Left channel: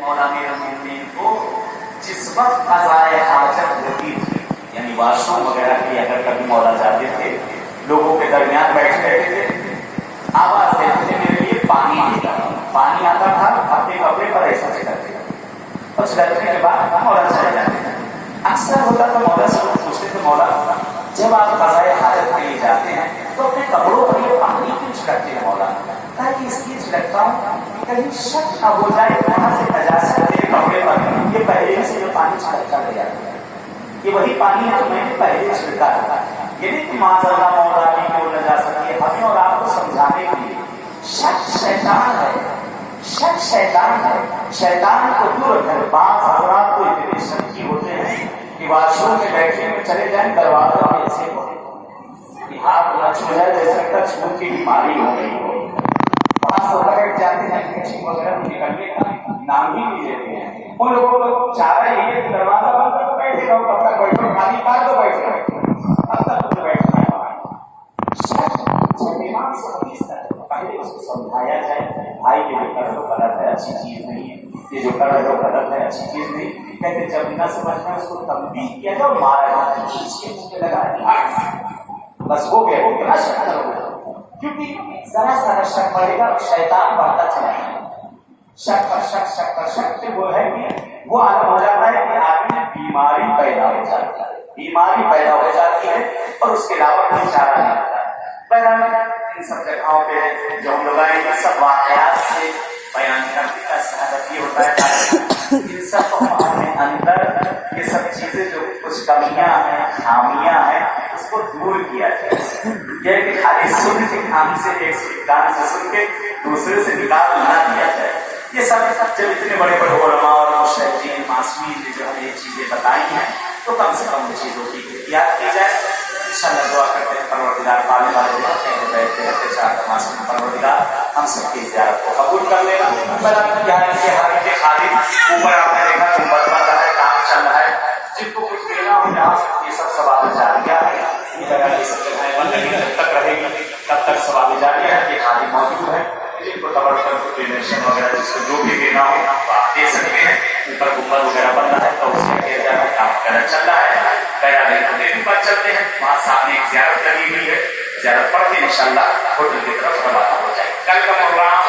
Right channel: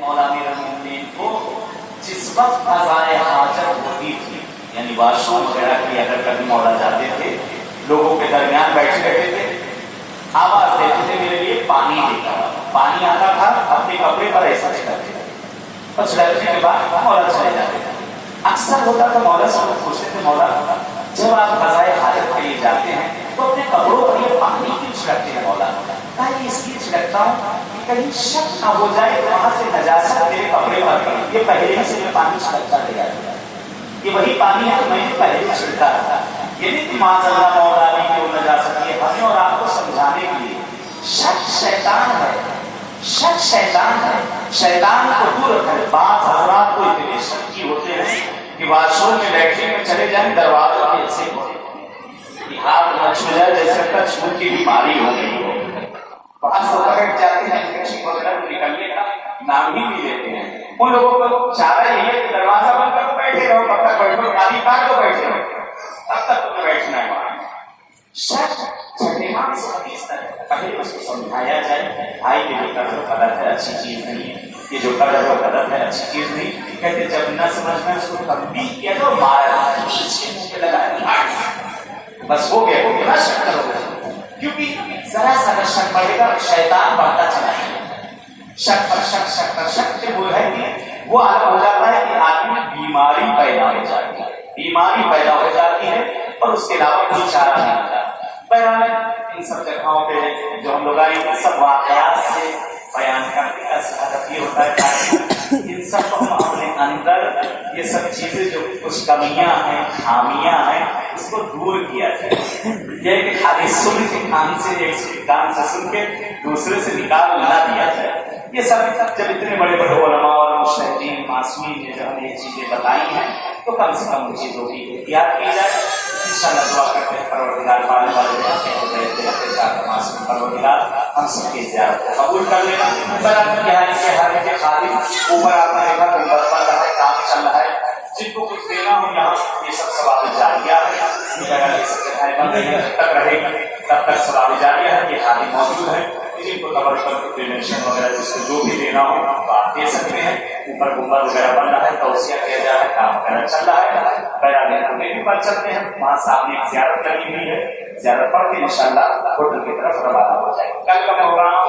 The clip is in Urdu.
مولا امیر المومنین کو جس وقت قضائے حاجت ہوتی تھی، یعنی واش روم وغیرہ کی اگر کبھی مولا جاتے تھے، لوگوں کے درمیان بیٹھے رہتے تھے، آواز دیتے تھے میرے لیے پانی دے گا، پانی آتا تھا، اپنے کپڑے پر ایسا چھڑکتے تھے اور چھڑکنے کے بعد مولا چلے جاتے تھے۔ اکثر ہوتا تھا مولا سے لوگ پوچھتے تھے مولا جب آپ قضائے حاجت کے لیے جاتے ہیں تو اپنے کپڑوں پر یہ پانی کیوں چھڑکتے ہیں مولا؟ کہا کہ اس لیے چھڑکتا ہوں کہ کہیں شک نہ ہو جائے وہاں سے نجاست میرے کپڑے پر یہ پہلے ہی سے یہ پانی چھڑکتا لے جاتا ہے، یہ وہی پانی ہے تو میں نے پہلے ہی چھڑکا تھا۔ یہ نہیں کہ معذاللہ مولا علی کی وہ نجاست، یہ ہمیں اور آپ کو سمجھانے کے لیے شک شیطان ہے، شک شیطان ہے، شیطان کو دور رکھے۔ بعض حضرات کو اتنے شکی ہوتے ہیں کہ واش روم میں بیٹھنے میں چلے جائیں دروازے والے سے ہاتھ نہ چھو جائے جیسے کا چھوٹ کی بیماری ہو گئی ہو، وہاں سے بیٹھ جاتے ہیں، کچھ وغیرہ نکلنے کا نام ہی نہیں لیتے ہیں۔ ان لوگوں کو چارہ یہی ہے کہ دروازہ بند کر بیٹھے رہو، کب تک بیٹھو، گالی کاٹ دو بیٹھے رہو، تب تک تمہیں بیٹھنا ہے وہاں۔ شک چھٹیمان سے حدیث تک پہلے اس کو سمجھایا جائے بھائی یہ جو کر رہے ہو غلط ہے، اچھی چیز نہیں ہے، یہ جو کر رہے ہو غلط ہے، اچھی چیز نہیں۔ کہتے جب نہ سمجھ میں اس کو تنبیہ کیا تو مارا پیچھے منہ پہ لگا بس ہو گیا نہ شک کرو، کیونکہ ذرا سا شک بڑھے گا شیطان بڑھتا چلا جائے گا۔ شک پر شک، شک پر شک سے وہ ہے کہ وہ عالم ہو جاتا ہے کہ آدمی میں بیماری پیدا ہو جاتی ہے، بیماری پیدا ہو جاتی ہے اور اس کے علاوہ کوئی چارہ نہیں ہوتا۔ بہرحال ان سب جگہوں پہ جو ہم لوگ آئے ہیں سب واقعات سے بیان کرنے کا ہدف یہ ہوتا ہے تاکہ ان سب کو ہم اپنے اندر یہ سب چیزیں جو کچھ کمیاں ہیں، خامیاں ہیں، اس کو دور کیا جائے۔ یہ کہ خالی سن کے کان سے، ایک کان سے سن کے دوسرے سے نکال نہ دیا جائے۔ یہ سب جب اتنے بڑے بڑے علماء اور مجتہدین معصومین نے جو ہمیں یہ چیزیں بتائی ہیں تو کم سے کم ان چیزوں کی احتیاط کی جائے۔ انشاءاللہ دعا کرتے ہیں پروردگار پالنے والے معصوم پروردگار ہم سب کی زیارت کو قبول کر لینا۔ یہاں ان کے حالی کے خالد اوپر آپ نے دیکھا تو بن رہا ہے، کام چل رہا ہے، جن کو کچھ دینا ہو یہاں یہ سب ثواب جاریہ ہے، اس جگہ یہ سب جگہیں بن رہی ہیں، جب تک رہے گی تب تک ثواب جاریہ ہے۔ یہ خالد موجود ہے، جن کو تبرکن ڈونیشن وغیرہ جس کو جو بھی دینا ہو آپ دے سکتے ہیں۔ اوپر گنبد وغیرہ بن رہا ہے، توسیع کیا جا رہا ہے، کام وغیرہ چل رہا ہے۔ بیان کو دیر پر چلتے ہیں، وہاں سامنے ایک زیارت لگی ہوئی ہے، زیارت پڑھ کے انشاءاللہ ہوٹل کی طرف روانہ ہو جائے۔ کل کا پروگرام